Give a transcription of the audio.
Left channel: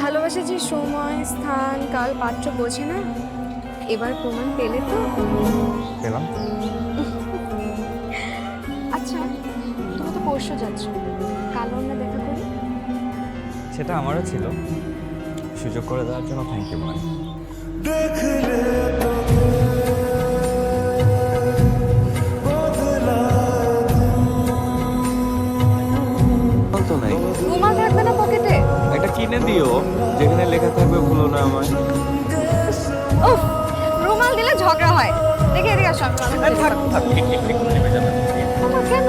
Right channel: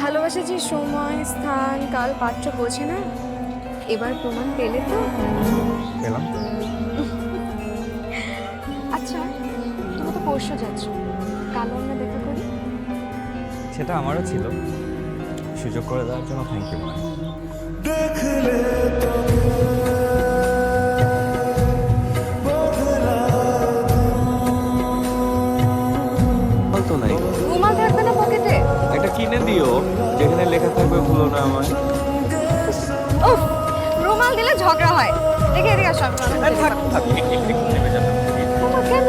ভালোবাসা যে সময় স্থান কাল পাত্র বোঝে না, এবার প্রমাণ পেলে তো। পেলাম তো। আচ্ছা, তুমি তো পরশু যাচ্ছ, কাল না দেখা করি। সেটা আমারও ছিল, সুযোগ করে দেওয়ার জন্য থ্যাংক ইউ মানে। তো নাই, রুমাল থাকবে না পকেটে? একটা কিনে দিও যেখানে লেখা থাকবে ভুলো না আমায়। উফ, রুমাল দিলে ঝগড়া হয়। দেখে এদিকে আসো, আমি থাক থাক, একটু নেমে যাবে। মামা কেন?